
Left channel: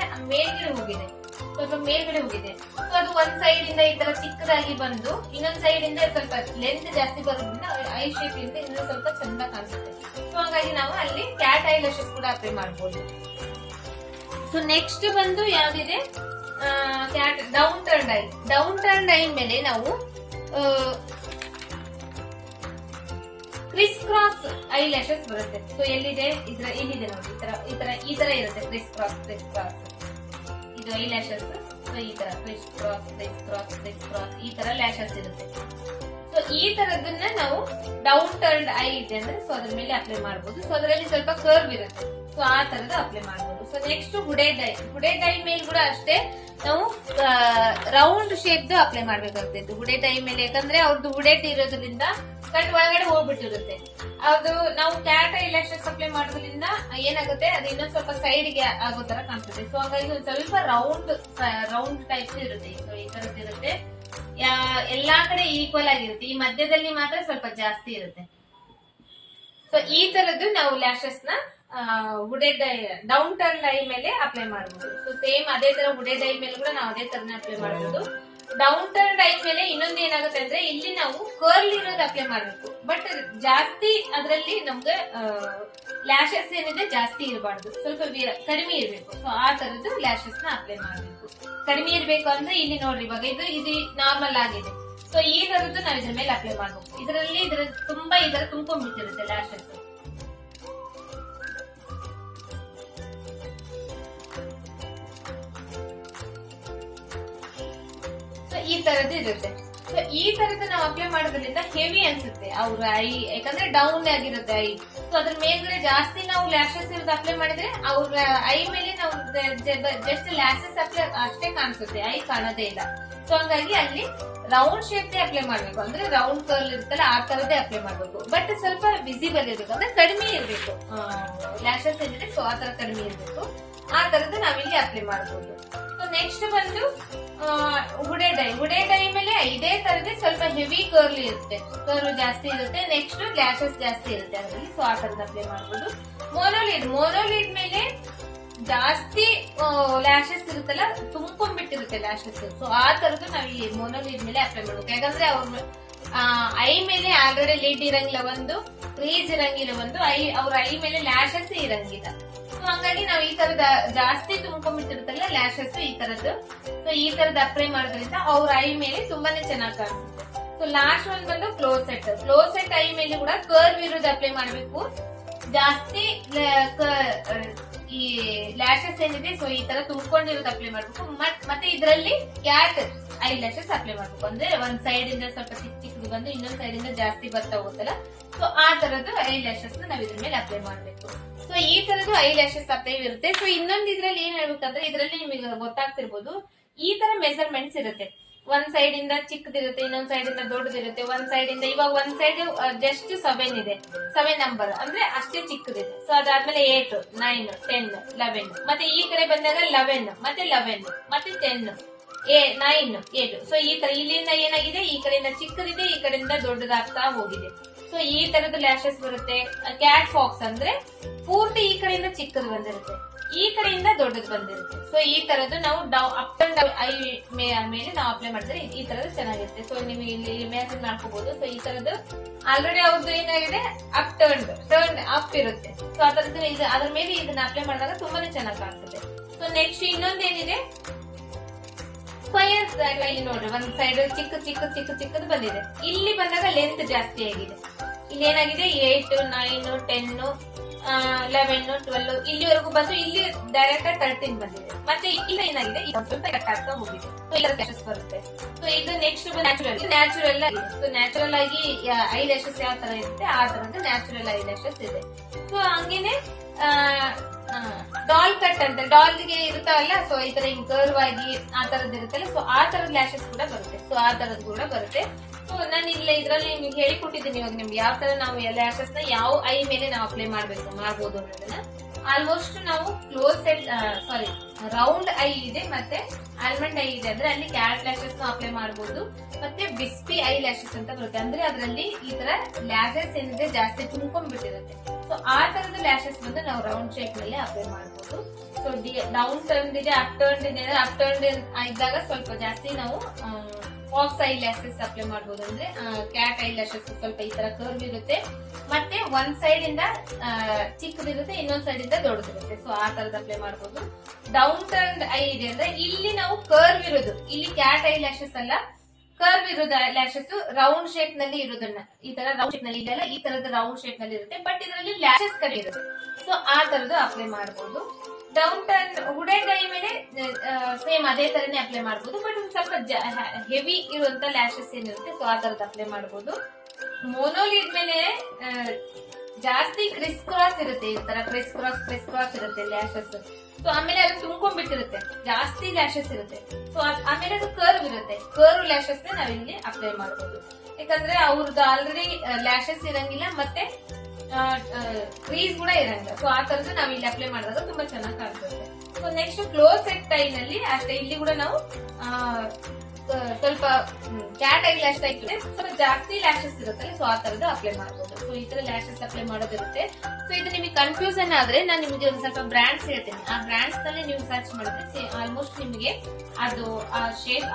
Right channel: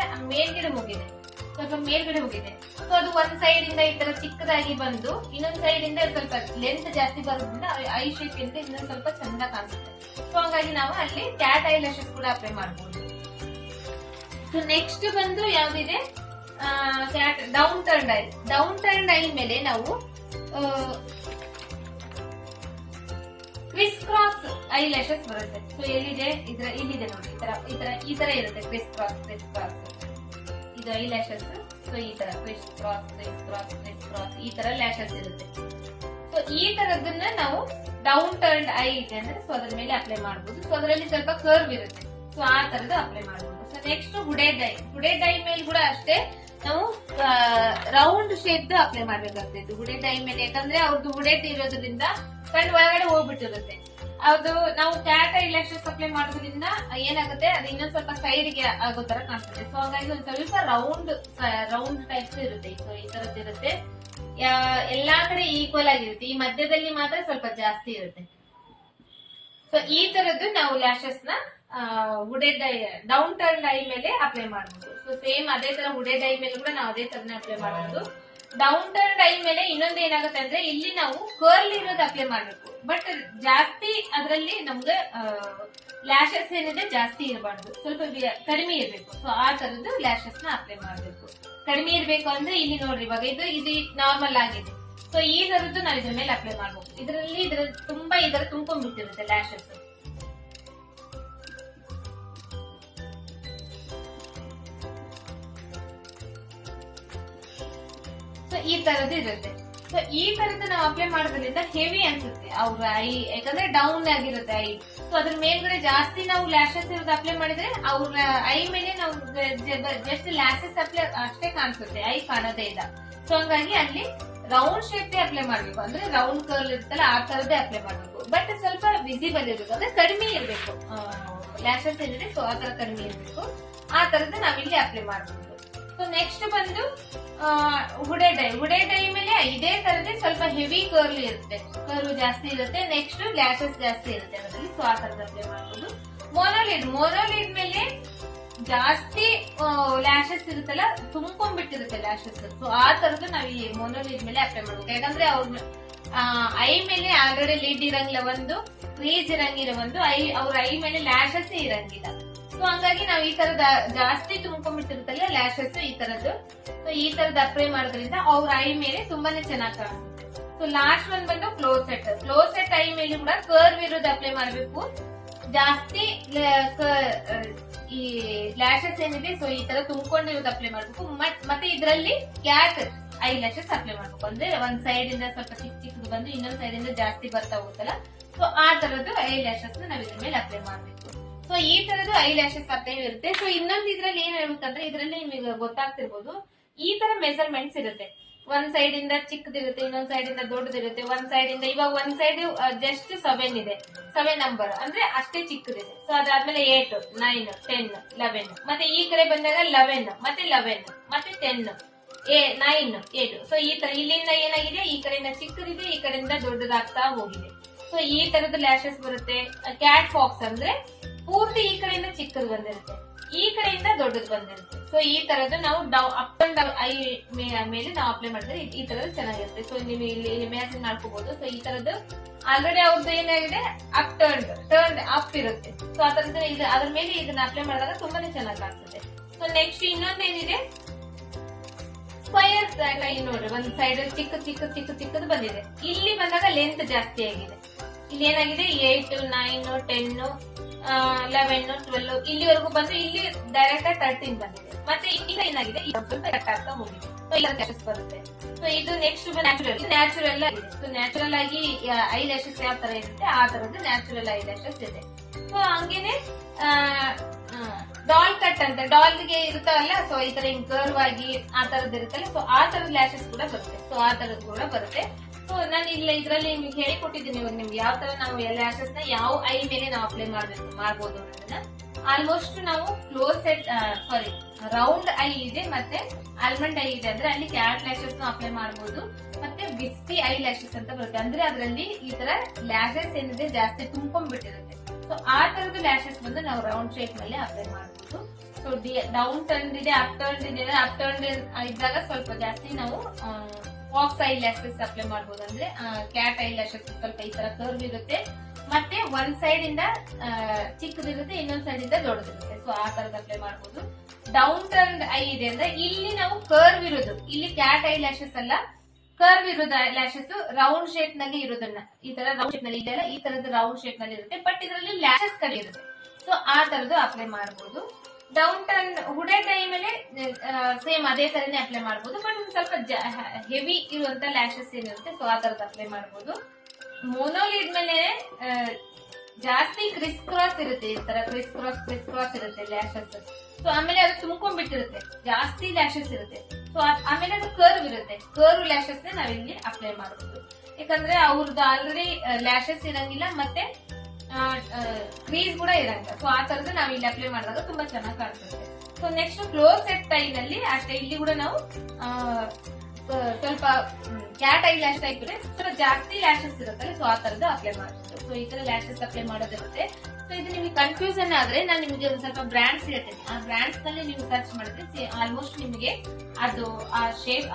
ಸ್ವಲ್ಪ ಮೇಲ್ಗಡೆ ಹೋಗಿದೆ. ಸೊ ಅದು ಒಂದ್ ಸೈಡ್ ಇಂದ ಈ ತರ ಚಿಕ್ಕದಾಗಿ ಬಂದು ಇನ್ನೊಂದ್ ಸೈಡ್ ಇಂದ ಸ್ವಲ್ಪ ಲೆಂತ್ ಜಾಸ್ತಿ ಬರೋದ್ರಿಂದ ಐ ಶೇಪ್ ಇಂದ ಇನ್ನೊಂದ್ ಸ್ವಲ್ಪ ಚಂದ ಕಾಣಿಸುತ್ತೆ. ಸೊ ಹಾಗಾಗಿ ನಾವು ಅಲ್ಲಿ ಕ್ಯಾಟ್ ಐ ಲ್ಯಾಶಸ್ ಕೂಡ ಅಪ್ಲೈ ಮಾಡಬಹುದು. ಸೊ ನೆಕ್ಸ್ಟ್ ಬಂದು ಯಾವ್ದಿದೆ ಕ್ಯಾಟ್ ಡೌನ್ ಟರ್ನ್ಡ್ ಐ ಮೇಲೆ ನಾವು ಕ್ರಿಸ್ ಕ್ರಾಸ್ ಐ ಲ್ಯಾಶಸ್ ಬರುತ್ತೆ. ಸೊ ಎಲ್ಲಿದೆ ಇಲ್ಲಿದೆ ನೋಡಿ, ಈ ತರ ಇರುತ್ತೆ ಕ್ರಿಸ್ ಕ್ರಾಸ್ ಇದು ಐ ಲ್ಯಾಶಸ್. ಸೊ ಈ ತರ ಕ್ರಿಸ್ ಕ್ರಾಸ್ ಈ ತರ ಲ್ಯಾಶಸ್ ಇರುತ್ತೆ. ಸೊ ಈ ತರದನ್ನ ನಾವು ಡೌನ್ ಟರ್ನ್ಡ್ ಐ ಇದೆ ಅಂದ್ರೆ ಸೊ ಅದ್ರ ಮೇಲೆ ಅಪ್ಲೈ ಮಾಡಬಹುದು. ಸೊ ಅದರಲ್ಲಿ ಸ್ವಲ್ಪ ಕರ್ವ್ ಇರುತ್ತೆ. ಸೊ ಆ ತರದ್ದು ಅಪ್ಲೈ ಮಾಡಬಹುದು. ಸೊ ನೆಕ್ಸ್ಟ್ ಹುಡೆಡ್ ಐ ಮೇಲೆ ಕೂಡ ಅಷ್ಟೇ ನಾವು ರೌಂಡ್ ಶೇಪ್ ಅಪ್ಲೈ ಮಾಡ್ಬೇಕಾಗ್ತದೆ ಹುಡೆಡ್ ಐ ಮೇಲೆ. ಯಾಕಂದ್ರೆ ಅವ್ರದ್ದು ಹುಡೆಡ್ ಇರೋದ್ರಿಂದ ಕಣ್ಣು ಒಳಗಡೆ ಹೋಗ್ಬಿಟ್ಟಿರುತ್ತೆ. ಅದು ನಾವು ಕ್ಯಾಟ್ ಐ ಲ್ಯಾಶಸ್ ಅಪ್ಲೈ ಮಾಡೋದ್ರಿಂದ ಏನಾಗುತ್ತೆ ಅದು ಇನ್ನೊಂದ್ ಸ್ವಲ್ಪ ಸೈಡ್ ಗೆ ಆಗೋ ತರ ಕಾಣಿಸುತ್ತೆ. ಸೊ ಹಾಗಾಗಿ ಒಂದ್ ಸ್ವಲ್ಪ ರೌಂಡ್ ಟೈಪ್ ಇರುತ್ತೆ. ಸೊ ಈ ತರದ್ದು ಇರುತ್ತೆ, ಎಲ್ಲಾ ಕಡೆ ಈಕ್ವಲ್ ಆಗಿರುತ್ತೆ. ಈ ಮಧ್ಯದಲ್ಲಿ ಮಾತ್ರ ಸ್ವಲ್ಪ ಜಾಸ್ತಿ ಇರುತ್ತೆ. ಸೊ ಈ ತರದ್ದು ನಾವು ಲ್ಯಾಶಸ್ ನ ಹುಡೆಡ್ ಐ ಡೌನ್ ಟರ್ನ್ ಐ ಮೇಲೆ ಅಪ್ಲೈ ಮಾಡಬಹುದು. ಸೊ ಸೇಮ್ ಅದೇ ತರ ಹುಡೆಡ್ ಐ ಮೇಲೆ ಕೂಡ ನಾವು ಅದೇ ತರನೇ ಅಪ್ಲೈ ಮಾಡಬಹುದು. ಡೌನ್ ಟರ್ನ್ ಐ ಮೇಲೆ ಇನ್ನೊಂದು ಏನಾಗುತ್ತೆ ಅಂದ್ರೆ ಇಲ್ಲಿ ನಾವು ಕರ್ಲ್ ಇರೋದು ಅಪ್ಲೈ ಮಾಡಬೇಕು. ಬಟ್ ಜಾಸ್ತಿ ಅದರಲ್ಲಿ ನಮ್ಗೆ ಲ್ಯಾಶಸ್ ಏನಿದೆ ಜಾಸ್ತಿ ಇರಬಾರ್ದು, ಸ್ವಲ್ಪ ಕಡಿಮೆ ಇರಬೇಕು. ಸೊ ಆ ತರದ್ದು ಲ್ಯಾಶಸ್ ನ ಅಪ್ಲೈ ಮಾಡಬೇಕು. ಕಡಿಮೆ ಇರಬೇಕು ಅಂದ್ರೆ ಇಲ್ಲಿ ನೋಡ್ರಿ, ಇವಾಗ ಇದು ನಾರ್ಮಲ್ ಆಗಿದೆ. ಸೊ ಈ ತರದ್ದು ನಾವು ಇದ್ರ ಮೇಲೆ ಅಪ್ಲೈ ಮಾಡಬೇಕು. ಇದರಲ್ಲಿ ತುಂಬಾ ತುಂಬಿಟ್ಟಿರುತ್ತೆ ಲ್ಯಾಶಸ್. ಸೊ ಈ ತರದ್ದು ಇರುತ್ತೆ. ಸೊ ಈ ತರದ್ದು ನಾವು ಅಪ್ಲೈ ಮಾಡೋದ್ರಿಂದ ಹೆವಿ ಅನ್ಸುತ್ತೆ ಅವ್ರ ಐ, ಯಾಕಂದ್ರೆ ಡೌನ್ ಆಗಿರುತ್ತೆ ಐ. ಸೊ ಅದ್ರ ಮೇಲ್ಗಡೆ ಜಾಸ್ತಿ ನಾವು ಲ್ಯಾಶಸ್ ಇರೋದು ಅಪ್ಲೈ ಮಾಡಿದ್ರೆ ಅವ್ರ ಐ ಮೇಲೆ ನಾವು ಜಸ್ಟ್ ಲ್ಯಾಶಸ್ ಅಪ್ಲೈ ಅಷ್ಟೇ ಕಾಣಿಸುತ್ತೆ, ಐ ಕಾಣೋದೇ ಇಲ್ಲ. ಸೊ ಹಂಗಾಗಿ ಅಲ್ಲಿ ರೌಂಡ್ ಶೇಪ್ ಅಪ್ಲೈ ಮಾಡ್ಬೇಕು. ಅಂದ್ರೆ ರೌಂಡ್ ಕರ್ಲ್ ಇರುತ್ತಲ್ಲ ಆ ತರದೇ ಅಪ್ಲೈ ಮಾಡ್ಬೇಕು. ಬಟ್ ಸ್ವಲ್ಪ ವಿಸಿಬಲ್ ಇರಬೇಕು, ಅಂದ್ರೆ ಕಡಿಮೆ ಇರಬೇಕು ಲ್ಯಾಶಸ್ ಏನಿದೆ. ಸೊ ಆ ತರ ಕಡಿಮೆ ಇರಬೇಕು, ಆ ತರದ್ದು ನಾವಿಲ್ಲಿ ಅಪ್ಲೈ ಮಾಡಬಹುದು. ಸೊ ನೆಕ್ಸ್ಟ್ ಬಂದು ಹುಡೆಡ್ ಐ ಮೇಲೆ ಇದೇ ತರದೇ ಸ್ವಲ್ಪ ಹೆವಿ ಕರ್ಲ್ ಇರುತ್ತೆ, ಕರ್ಲ್ ಜಾಸ್ತಿ ಇರುತ್ತೆ. ನೆಕ್ಸ್ಟ್ ಲ್ಯಾಶಸ್ ಜಾಸ್ತಿ ಇರುತ್ತೆ ಅದರಲ್ಲಿ. ಸೊ ಆ ತರದ ಅಪ್ಲೈ ಮಾಡಬಹುದು. ಮೋನೋಲಿಡ್ ಮೇಲೆ ಜಾಸ್ತಿ ಲ್ಯಾಶಸ್ ಇರುತ್ತಲ್ಲ, ತುಂಬಿಟ್ಟಿರುತ್ತೆ ಲ್ಯಾಶಸ್. ಸೊ ಆ ತರದ್ದು ನಾವು ಈ ಮೋನೋಲಿಡ್ ಮೇಲೆ ಅಪ್ಲೈ ಮಾಡಬೇಕು. ಯಾಕಂದ್ರೆ ಅವ್ರ ಐ ಮೇಲೆ ಆಲ್ರೆಡಿ ಲಿಡ್ ಇರಂಗಿಲ್ಲ, ಒಂದು ಕ್ರೀಸ್ ಇರಂಗಿಲ್ಲ, ಒಂದು ಅವ್ರ ಐ ಮೇಲೆ ಲ್ಯಾಶಸ್ ಇರಂಗಿಲ್ಲ. ಸೊ ಹಂಗಾಗಿ ನಾವು ಈ ತರದ ಜಾಸ್ತಿ ತುಂಬ್ಕೊಂಡ್ಬಿಟ್ಟಿರುತ್ತಲ್ಲ ಲ್ಯಾಶಸ್ ಈ ತರದ್ದು, ಸೊ ಈ ತರದ್ ಅಪ್ಲೈ ಮಾಡೋದ್ರಿಂದ ಅವ್ರ ಐ ಮೇಲೆ ತುಂಬಾನೇ ಚೆನ್ನಾಗಿ ಕಾಣಿಸುತ್ತೆ. ಸೊ ಲಾಸ್ಟ್ ಒನ್ ಬಂದು ಕ್ಲೋಸ್ ಸೆಟ್ ಐ ಮೇಲೆ ಕೂಡ ಕರ್ವ್ ಇರೋದು ಅಪ್ಲೈ ಮಾಡಬೇಕು. ಜಾಸ್ತಿ ಈ ಲ್ಯಾಶಸ್ ಏನಿದೆ ಸೊ ಈ ತರ ತುಂಬಿಕೊಂಡಿರೋದು ಅಪ್ಲೈ ಮಾಡ್ಬೇಕು. ಮತ್ತೆ ಇದರಲ್ಲಿ ಕ್ಯಾಟ್ ಐ ಲ್ಯಾಶಸ್ ಅಪ್ಲೈ ಮಾಡ್ಬೇಕು. ಅಂದ್ರೆ ಒಂದ್ ಸೈಡ್ ಇಂದ ಸ್ವಲ್ಪ ಚಿಕ್ಕದು ಬಂದು ಇನ್ನೊಂದ್ ಸೈಡ್ ಇಂದ ಜಾಸ್ತಿ ಬರ್ತಾ ಹೋಗುತ್ತಲ್ಲ, ಸೊ ಆ ತರದ್ದು ಐ ಲ್ಯಾಶಸ್ ನಾವ್ ಇದ್ರ ಮೇಲೆ ಅಪ್ಲೈ ಮಾಡ್ಬೇಕು. ಸೊ ಈ ತರದ್ದು ಐ ಲ್ಯಾಶಸ್ ಅಪ್ಲೈ ಇರುತ್ತೆ. ಸೊ ಇನ್ನೊಂದು ಇದ್ರಲ್ಲಿ ಏನ್ ಹೇಳ್ಬೇಕಂದ್ರೆ ಇದರಲ್ಲಿ ನಿಮಗೆ ಗೊತ್ತಾಗ್ತಿರ್ಬೋದು, ಈ ತರ ಮೆಜರ್ಮೆಂಟ್ಸ್ ಇರುತ್ತೆ. ಒಂದ್ ಸೈಡ್ ಇಂದ ಚಿಕ್ಕದಿರುತ್ತೆ, ಇನ್ನೊಂದ್ ಸೈಡ್ ಇಂದ ದೊಡ್ಡದಿರುತ್ತೆ. ಒಂದ್ ಸೈಡ್ ಇಂದ ಇವಾಗ ಒಂದ್ ಸೈಡ್ ಜಸ್ಟ್ 7 ಇದೆ, 7 ನಂಬರ್ ಅಂದ್ರೆ ಅಷ್ಟೇ ಚಿಕ್ಕದಿದೆ. ಸೊ ಅದಾದ್ಮೇಲೆ 8, 9, 10, 11 ಮತ್ತೆ ಈ ಕಡೆ ಬಂದಾಗ 11 ಮತ್ತೆ 11 ಮತ್ತೆ 10, 9, 8. ಸೊ ಈ ತರ ಇಲ್ಲಿಂದ ಏನಾಗಿದೆ, ಈ ಕಡೆಯಿಂದ ಚಿಕ್ಕದಿದೆ, ಈ ಕಡೆಯಿಂದ ದೊಡ್ಡದಾಗ್ತಾ ಹೋಗಿದೆ. ಸೊ ಈ ತರದ ಲ್ಯಾಶಸ್ ಬರುತ್ತೆ. ಕ್ಯಾಟ್ ಫಾಕ್ಸ್ ಅಂದ್ರೆ ಪೂರ್ತಿ ಈ ಕಡೆಯಿಂದ ಚಿಕ್ಕದು ಬಂದಿರುತ್ತೆ, ಈ ಕಡೆಯಿಂದ ದೊಡ್ಡದು ಬಂದಿರುತ್ತೆ. ಸೊ ಈ ತರದ್ದು ನಾವು ಅಪ್ ಅಂಡ್ ಡೌನ್ ಐ ಮೇಲೆ ನಾವು ಅಪ್ಲೈ ಮಾಡಿದ್ರೆ ಈ ತರದ್ದು ಚೆನ್ನಾಗಿರುತ್ತೆ. ಸೊ ನೀವು ಇಲ್ಲಿ ಇಮ್ಯಾಜಿನ್ ಮಾಡ್ಕೋಬಹುದು. ಸೊ ಈ ತರದ್ದು ಆಲ್ರೆಡಿ ಅವ್ರದ್ದು ಏನಾಗಿದೆ, ಅಪ್ ಟರ್ನ್ ಅಪ್ ಇರುತ್ತೆ. ಸೊ ಆ ತರದ್ದು ಅದ್ರ ಮೇಲೆ ಇದನ್ನ ಅಪ್ಲೈ ಮಾಡಿದಾಗ ತುಂಬಾನೇ ಚೆನ್ನಾಗಿ ಕಾಣಿಸುತ್ತೆ. ಸೊ ನೆಕ್ಸ್ಟ್ ಇನ್ನೊಂದೇನಿದೆ, ಸ್ಕ್ವಯರ್ ಕೈ ನೋಡ್ರಿ, ಒಂದ್ ಸೈಡ್ ಚಿಕ್ಕದು ಬಂದಿದೆ. ಇಲ್ಲಿ ಬಂದಾಗ ಲೆಂತ್ ಜಾಸ್ತಿ ಆಗಿದೆ. ಇಲ್ಲಿ ಏನಾಗಿದೆ 8, 9, 10, 11, 12 ಇಲ್ಲಿವರೆಗೂ ಬಂದು ಇಲ್ಲಿ ಡೈರೆಕ್ಟ್ 13 ಬಂದಿದೆ. ಮತ್ತೆ ಈಗ ಏನಾಗಿದೆ, ಈಗ ಸ್ವಲ್ಪ ಕಟ್ ಆಗ್ತಾ ಹೋಗಿದೆ. ಸೊ ಇದರ ಲ್ಯಾಶಸ್ ಬರುತ್ತೆ. ಸೊ ಇದು ನೆಕ್ಸ್ಟ್ ನ್ಯಾಚುರಲ್ ಆಗಿದೆ. ಸೊ ನ್ಯಾಚುರಲ್ ಆಗಿ ಐ ಲ್ಯಾಶಸ್ ಯಾವ ತರ ಇರುತ್ತೆ ಆ ತರದ್ದು ನ್ಯಾಚುರಲ್ ಐ ಲ್ಯಾಶಸ್ ಇದೆ. ಸೊ ಹಂಗೇನೆ ಡಾಲ್ ಕಟ್ ಅಂತ ಡಾಲ್ಗೆ ಇರುತ್ತಲ್ಲ, ಸೊ ಈ ತರ ಹಿಂಗ್ ಕರ್ವ್ ಆಗಿ ಆ ತರದ್ ಇರುತ್ತಲ್ಲ, ಸೊ ಆ ತರದ ಲ್ಯಾಶಸ್ ಕೂಡ ಬರುತ್ತೆ. ಸೊ ಆ ತರದ್ ಕೂಡ ಬರುತ್ತೆ. ಸೊ ನಾನು ಇಲ್ಲ ಇದ್ರಲ್ಲಿ ನಿಮ್ಗೆ ಹೇಳಿಕೊಟ್ಟಿದ್ದೀನಿ ಇವಾಗ ನಿಮ್ಗೆ ಯಾವ ತರ ನಾವು ಲ್ಯಾಶಸ್ ನ ಯಾವ ಐ ಮೇಲೆ ನಾವು ಅಪ್ಲೈ ಮಾಡಬಹುದು ಅನ್ನೋದನ್ನ. ಆಲ್ಮೋಸ್ಟ್ ನಾವು ರೌಂಡ್ ಐ ಇದೆ ಮತ್ತೆ ಆಲ್ಮಂಡ್ ಐ ಇದೆ, ಅಂದ್ರೆ ಅಲ್ಲಿ ಕ್ಯಾಟ್ ಲ್ಯಾಶಸ್ ಅಪ್ಲೈ ಮಾಡಬಹುದು. ಮತ್ತೆ ವಿಸ್ಪಿ ಐ ಲ್ಯಾಶಸ್ ಅಂತ ಬರುತ್ತೆ, ಅಂದ್ರೆ ಅದರಲ್ಲಿ ಈ ತರ ಲ್ಯಾಶಸ್ ಏನಿದೆ ಜಾಸ್ತಿ ತುಂಬ್ಕೊಂಡ್ಬಿಟ್ಟಿರುತ್ತೆ. ಸೊ ಆ ತರದ ಲ್ಯಾಶಸ್ ಬಂದು ನಾವು ರೌಂಡ್ ಶೇಪ್ ಮೇಲೆ ಅಪ್ಲೈ ಮಾಡಬಹುದು. ಸೊ ಡೌನ್ ಟರ್ನ್ ಇದೆ, ಅಪ್ ಟರ್ನ್ ಇದ್ದಾಗ ಸ್ವಲ್ಪ ಜಾಸ್ತಿ ನಾವು ಫಾಕ್ಸ್ ಐ ಲ್ಯಾಶಸ್ ಅಪ್ಲೈ ಮಾಡಬಹುದು. ಅಂದ್ರೆ ಕ್ಯಾಟ್ ಐ ಲ್ಯಾಶಸ್ ಸ್ವಲ್ಪ ಈ ತರ ಕರ್ವ್ ಇರುತ್ತೆ, ಮತ್ತೆ ಒಂದ್ ಸೈಡ್ ಇಂದ ಚಿಕ್ಕದಿರುತ್ತೆ, ಇನ್ನೊಂದ್ ಸೈಡ್ ಇಂದ ದೊಡ್ಡದಿರುತ್ತೆ. ಸೊ ಆ ತರದ ಅಪ್ಲೈ ಮಾಡಬಹುದು. ಡೌನ್ ಟರ್ನ್ ಐ ಇದೆ ಅಂದ್ರೆ ಇಲ್ಲಿ ನಾವು ಕರ್ವ್ ಇರೋದು, ಇಲ್ಲಿ ಕ್ಯಾಟ್ ಐ ಲ್ಯಾಶಸ್ ಅಲ್ಲ, ಕರ್ವ್ ಇರೋದು ಲ್ಯಾಶಸ್ ರೌಂಡ್ ಶೇಪ್ ನಲ್ಲಿ ಇರೋದನ್ನ ಈ ತರ ರೌಂಡ್ ಶೇಪ್ ನಲ್ಲಿ ಇದೆಲ್ಲ ಈ ತರದ ರೌಂಡ್ ಶೇಪ್ ನಲ್ಲಿ ಇರುತ್ತೆ, ಬಟ್ ಇದರಲ್ಲಿ ಲ್ಯಾಶಸ್ ಕಡೆ ಇರುತ್ತೆ. ಸೊ ಆ ತರದ್ದು ಅಪ್ಲೈ ಮಾಡಬಹುದು. ಡೌನ್ ಟರ್ನ್ ಹುಡೆಡ್ ಐ ಮೇಲೆ ಸೇಮ್ ಅದೇ ತರನೇ ಅಪ್ಲೈ ಮಾಡಬಹುದು, ಬಟ್ ಒಂದು ಸ್ವಲ್ಪ ಹೆವಿ ಇರುವಂತ ಲ್ಯಾಶಸ್ ಏನಿರುತ್ತೆ ಸೊ ಆ ತರದ್ದು ಅಪ್ಲೈ ಮಾಡಬಹುದು. ಮೋನೋಲಿಡ್ ಮೇಲೆ ಜಾಸ್ತಿ ಕ್ರಿಸ್ ಕ್ರಾಸ್ ಇರುತ್ತೆ, ಈ ತರ ಕ್ರಿಸ್ ಕ್ರಾಸ್ ಇರುತ್ತೆ ಲ್ಯಾಶಸ್. ಸೊ ಆಮೇಲೆ ಅದು ತುಂಬ್ಕೊಂಡ್ಬಿಟ್ಟಿರುತ್ತೆ, ಜಾಸ್ತಿ ಲ್ಯಾಶಸ್ ಇರುತ್ತೆ. ಸೊ ಆಮೇಲೆ ಅದು ಕರ್ವ್ ಇರುತ್ತೆ, ಕರ್ವ್ ಲ್ಯಾಶಸ್ ನಾವ್ ಇಲ್ಲಿ ಅಪ್ಲೈ ಮಾಡಬಹುದು. ಯಾಕಂದ್ರೆ ಅವ್ರದ್ದು ಆಲ್ರೆಡಿ ಲ್ಯಾಶಸ್ ಇರಂಗಿಲ್ಲ ಮತ್ತೆ ಕ್ರೀಸ್ ಕೂಡ ಇರಂಗಿಲ್ಲ. ಸೊ ಆ ತರದ್ದು ನಾವ್ ಇಲ್ಲಿ ಅಪ್ಲೈ ಮಾಡಿದಾಗ ತುಂಬಾ ಚೆನ್ನಾಗಿ ಕಾಣಿಸುತ್ತೆ. So next close set tie ನಲ್ಲಿ ಅಷ್ಟೇ, ಇಲ್ಲಿ ಕೂಡ ನಾವು ಸ್ವಲ್ಪ ಕ್ಯಾಟ್ ಐ ಲ್ಯಾಶ್ ಟೈಪ್ ಇದೆ, ಸ್ವಲ್ಪ ಜಾಸ್ತಿ ಲ್ಯಾಶಸ್ ಇರುತ್ತಲ್ಲ, ಸೊ ಆ ತರದ್ದು ಅಪ್ಲೈ ಮಾಡಬಹುದು. ಸೊ ಈ ತರ ಲ್ಯಾಶಸ್ ಅಪ್ಲೈ ಮಾಡೋದಿರುತ್ತೆ. ಸೊ ಇದು ನಿಮಗೆ ಕನ್ಫ್ಯೂಷನ್ ಆದ್ರೆ ನಾನು ನಿಮಗೆ ಒಂದು ಸ್ವಲ್ಪ ಬ್ರಾಂಡ್ಸ್ ಹೇಳ್ತೇನೆ, ಆ ಬ್ರಾಂಡ್ಸ್ ನಲ್ಲಿ ನೀವು ಸರ್ಚ್ ಮಾಡಿದ್ರೆ ಆಲ್ಮೋಸ್ಟ್ ನಿಮಗೆ ಅದು ಆ ಶೇಪ್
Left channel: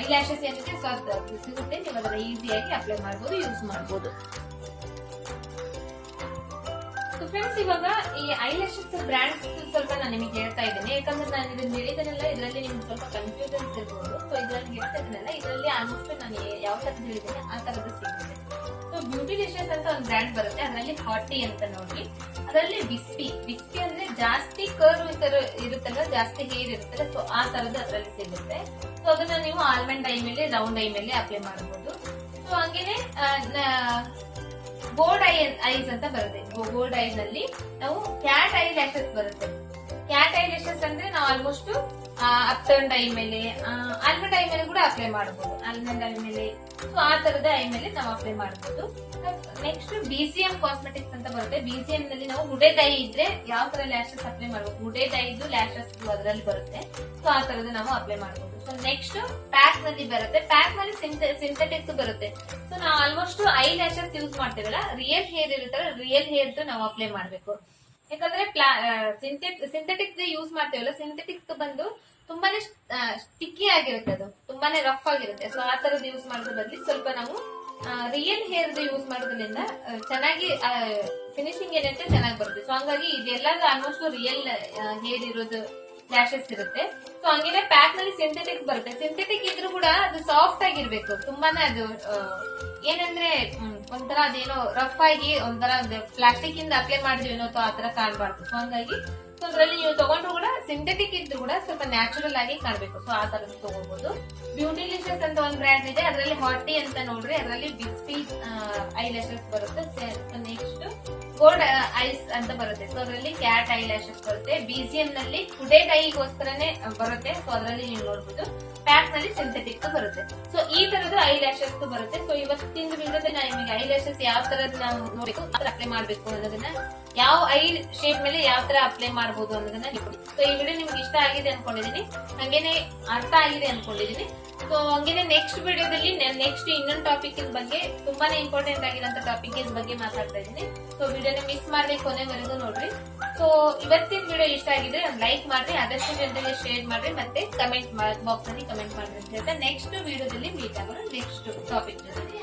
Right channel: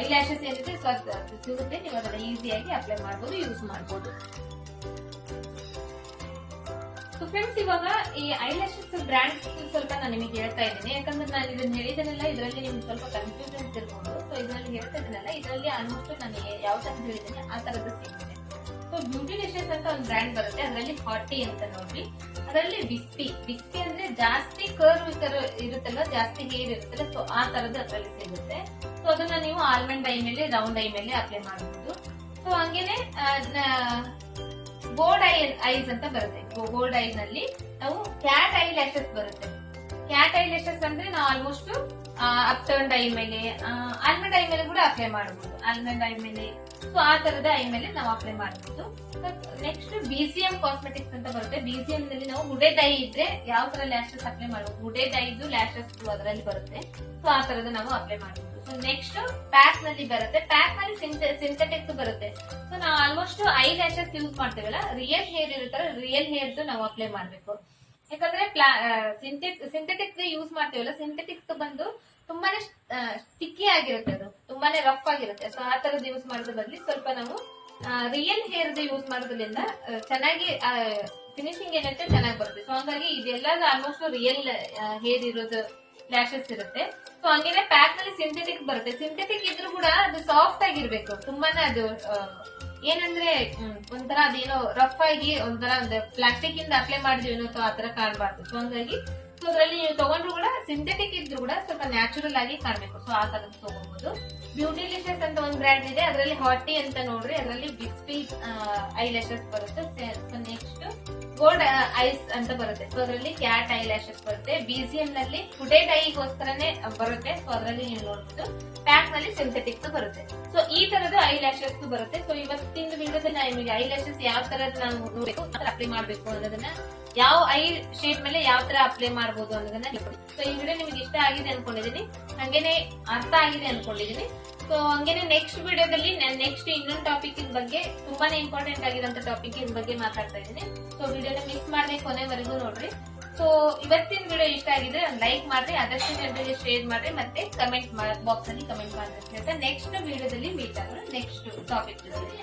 ಐ ಲ್ಯಾಶಸ್ ಏನಿದೆ ಸೊ ಅದು ಸಿಗುತ್ತೆ. ನೀವು ಅದನ್ನ ಈಸಿಯಾಗಿ ಅಪ್ಲೈ ಮಾಡಬಹುದು, ಯೂಸ್ ಮಾಡಬಹುದು. ಫ್ರೆಂಡ್ಸ್, ಇವಾಗ ಈ ಐ ಲ್ಯಾಶಸ್ ಬ್ರಾಂಡ್ಸ್ ಸ್ವಲ್ಪ ನಾನು ನಿಮಗೆ ಹೇಳ್ತಾ ಇದ್ದೀನಿ, ಯಾಕಂದ್ರೆ ನಾನು ಇದನ್ನ ಹೇಳಿದೆನಲ್ಲ ಇದರಲ್ಲಿ ನಿಮ್ಗೆ ಸ್ವಲ್ಪ ಕನ್ಫ್ಯೂಷನ್ಸ್ ಇರ್ಬೋದು. ಸೊ ಇದರಲ್ಲಿ ಹೇಳ್ತಾ ಇದ್ದೀನಲ್ಲ, ಇದರಲ್ಲಿ ಆಲ್ಮೋಸ್ಟ್ ನಾನು ಯಾವ ತರ ಹೇಳಿದ್ದೇನೆ ಆ ತರದ್ದು ಸಿಗುತ್ತೆ. ಸೊ ಬ್ಯೂಟಿಲಿಷಿಯಸ್ ಅಂತ ಒಂದು ಬ್ರ್ಯಾಂಡ್ ಬರುತ್ತೆ, ಅದರಲ್ಲಿ ಹಾಟಿ ಅಂತ ನೋಡ್ರಿ, ಅದರಲ್ಲಿ ವಿಸ್ಪಿ ಅಂದ್ರೆ ಜಾಸ್ತಿ ಕರ್ವ್ ಇರುತ್ತಲ್ಲ, ಜಾಸ್ತಿ ಹೇರ್ ಇರುತ್ತಲ್ಲ, ಸೊ ಆ ತರದ್ದು ಅದರಲ್ಲಿ ಸಿಗುತ್ತೆ. ಸೊ ಅದನ್ನ ನೀವು ಆಲ್ಮಂಡ್ ಐ ಮೇಲೆ ರೌಂಡ್ ಐ ಮೇಲೆ ಅಪ್ಲೈ ಮಾಡಬಹುದು. ಸೊ ಹಂಗೇನೆ ಗೋಲ್ಡ್ ಐಸ್ ಅಂತ ಬರುತ್ತೆ, ಗೋಲ್ಡ್ ಐ ನಲ್ಲಿ ನಾವು ಕ್ಯಾಟ್ ಐ ಲ್ಯಾಶಸ್ ಬರುತ್ತೆ. ಕ್ಯಾಟ್ ಐ ಲ್ಯಾಶಸ್ ಅಂದ್ರೆ ನಾವು ಆಲ್ಮೋಸ್ಟ್ ಅಪ್ ಟರ್ನ್ ಐ ಮೇಲೆ ಆಲ್ಮಂಡ್ ಐ ಮೇಲೆ ಕೂಡ ಅಪ್ಲೈ ಮಾಡಬಹುದು, ಆಲ್ಮಂಡ್ ಐ ಮೇಲೆ. ಸೊ ಆ ತರದ ಐ ಮೇಲೆ ನಾವು ಅಪ್ಲೈ ಮಾಡಬಹುದು. ನೆಕ್ಸ್ಟ್ BCM ಕಾಸ್ಮೆಟಿಕ್ಸ್ ಅಂತ ಬರುತ್ತೆ. BCM ನಲ್ಲಿ ನಾವು ಹುಡೆಡ್ ಐ ಇದ್ರೆ ಯಾವ ತರ ಲ್ಯಾಶಸ್ ಅಪ್ಲೈ ಮಾಡಬಹುದು, ಹುಡೆಡ್ ಐದು ಲ್ಯಾಶಸ್ ಅದರಲ್ಲಿ ಬರುತ್ತೆ. ಸೊ ಆ ತರದ ನಾವು ಅಪ್ಲೈ ಮಾಡಬಹುದು. ಸೊ ನೆಕ್ಸ್ಟ್ ಪ್ಯಾಕ್ ನಲ್ಲಿ ಬರುತ್ತೆ, ಪ್ಯಾಕ್ ನಲ್ಲಿ ಸಿಂಥೆಟಿಕ್ಸ್ ಬರುತ್ತೆ. ಸೊ ನಾವು ಆಲ್ಮೋಸ್ಟ್ ಐ ಲ್ಯಾಶಸ್ ಯೂಸ್ ಮಾಡ್ತೇವಲ್ಲ, ರಿಯಲ್ ಹೇರ್ ಇರುತ್ತಲ್ಲ, ರಿಯಲ್ ಹೇರ್ ನಾವು ಅಪ್ಲೈ ಮಾಡಬೇಕು. ಯಾಕಂದ್ರೆ ಸಿಂಥೆಟಿಕ್ಸ್ ಯೂಸ್ ಮಾಡ್ತೇವಲ್ಲ, ಸಿಂಥೆಟಿಕ್ಸ್ ಬಂದು ತುಂಬಾನೇ ಸ್ಟಿಕ್ಕಿ ಆಗಿರುತ್ತೆ, ಅದು ತುಂಬಾನೇ ರಫ್ ಆಗಿರುತ್ತೆ. ಸೊ ಆ ತರದ್ದು ಯೂಸ್ ಮಾಡೋದ್ರ ಬದಲು ಸ್ವಲ್ಪ ನಾವು ರಿಯಲ್ ಹೇರ್ ಯೂಸ್ ಮಾಡೋದ್ರಿಂದ ಚೆನ್ನಾಗಿ ಫಿನಿಶಿಂಗ್ ಏನಂತೆ ಚೆನ್ನಾಗಿ ಬರುತ್ತೆ. ಸೊ ಹಂಗಾಗಿ ಇದೆಲ್ಲ ಆಲ್ಮೋಸ್ಟ್ ರಿಯಲ್ ಹೇರ್ ಇರೋದು ಲ್ಯಾಶಸ್ ಇರುತ್ತೆ. ಸೊ ಹಂಗೇನೆ ಪ್ಯಾಕ್ ನಲ್ಲಿ ಸಿಂಥೆಟಿಕ್ ಬರುತ್ತೆ. ಸಿಂಥೆಟಿಕ್ ಇದ್ರೂ ಕೂಡ ಅದು ಸಾಫ್ಟ್ ಆಗಿರ್ಬೇಕು. ತುಂಬಾನೇ ಅದು ಏನಂದ್ರೆ ಒಂಥರ ಅದೇನೋ ರಫ್ ಆಗಿ ಒಂಥರ ಪ್ಲಾಸ್ಟಿಕ್ ಇಂದ ಅಪ್ಲೈ ಮಾಡಿದ್ವಿ ಆತರ ಕಾಣಬಾರ್ದು. ಸೊ ಹಂಗಾಗಿ ಸೊ ಅದ್ರಲ್ಲಿ ನೀವು ತಗೊಂಡ್ರು ಕೂಡ ಸಿಂಥೆಟಿಕ್ ಇದ್ರು ಕೂಡ ಸ್ವಲ್ಪ ನ್ಯಾಚುರಲ್ ಆಗಿ ಕಾಣ್ಬೇಕು. ಸೊ ಆ ತರ ತಗೋಬಹುದು. ಬ್ಯೂಟಿಲಿಷಸ್ ಅಂತ ಒಂದು ಬ್ರ್ಯಾಂಡ್ ಇದೆ, ಅದರಲ್ಲಿ ಹಾಟಿ ಅಂತ ನೋಡ್ರಿ, ಅದರಲ್ಲಿ ಬಿಸ್ಪಿ ಐ ಲ್ಯಾಶಸ್ ಬರುತ್ತೆ. ನೆಕ್ಸ್ಟ್ ಗೋಲ್ಡ್ ಐಸ್ ಅಂತ ಬರುತ್ತೆ. ಸೊ ಅದರಲ್ಲಿ ಕ್ಯಾಟ್ ಐ ಲ್ಯಾಶಸ್ ಬರುತ್ತೆ. ಬಿಜಿಎಂ ನಲ್ಲಿ ಟುಡೇ ಟೈಮಿಗೋಸ್ಕರನೇ ಬರುತ್ತೆ. ಸೊ ಅದರಲ್ಲಿ ನೀವು ನೋಡಬಹುದು. ಪ್ಯಾಕ್ ನಲ್ಲಿ ಸಿಂಥೆಟಿಕ್ ಬರುತ್ತೆ. ಸೊ ಈ ತರದ ಐ ಲ್ಯಾಶಸ್ ಬರುತ್ತೆ. ಸೊ ಇವತ್ತಿನ ವಿಡಿಯೋದಲ್ಲಿ ನಾನು ನಿಮಗೆ ಐ ಲ್ಯಾಶಸ್ ಯಾವ ತರದ್ ನಾವು ನೋಡಬೇಕು, ಆ ತರ ಅಪ್ಲೈ ಮಾಡಬೇಕು ಅನ್ನೋದನ್ನ, ಯಾವ ಐ ಶೇಪ್ ಮೇಲೆ ಯಾವ ತರ ಅಪ್ಲೈ ಮಾಡಬಹುದು ಅನ್ನೋದನ್ನ. ಸೊ ಈ ವಿಡಿಯೋ ನಿಮ್ಗೆ ಇಷ್ಟ ಆಗಿದೆ ಅನ್ಕೊಂಡಿದೀನಿ, ಹಂಗೇನೆ ಅರ್ಥ ಆಗಿದೆ ಅನ್ಕೊಂಡಿದೀನಿ. ಸೊ ಹಂಗೇನೆ ನೆಕ್ಸ್ಟ್ ವಿಡಿಯೋದಲ್ಲಿ ನೆಕ್ಸ್ಟ್ ಇನ್ನೊಂದು ಟಾಪಿಕ್ ಬಗ್ಗೆ, ತುಂಬಾನೇ ಇಂಪಾರ್ಟೆಂಟ್ ಆಗಿರುವಂತ ಟಾಪಿಕ್ ಬಗ್ಗೆ ಮಾತಾಡ್ತಾ ಇದ್ದೀನಿ. ಸೊ ವಿಡಿಯೋನ ಮಿಸ್ ಮಾಡದೆ ಕೊನೆವರೆಗೂ ನೋಡ್ರಿ. ಸೊ ಇವತ್ತಿನ ವಿಡಿಯೋ ಇಷ್ಟ ಆಗಿದೆ ಒಂದು ಲೈಕ್ ಮಾಡ್ರಿ, ಆದಷ್ಟು ಜನರಿಗೆ ಶೇರ್ ಮಾಡ್ರಿ, ಮತ್ತೆ ಕಮೆಂಟ್ ಬಾಕ್ಸ್ ಅಲ್ಲಿ ಕಮೆಂಟ್ ಮಾಡ್ರಿ ಅಂತ ಹೇಳ್ತಾ ನೆಕ್ಸ್ಟ್ ವಿಡಿಯೋದಲ್ಲಿ ಮೀಟ್ ಆಗೋಣ ನೆಕ್ಸ್ಟ್ ಟಾಪಿಕ್ ಜೊತೆ.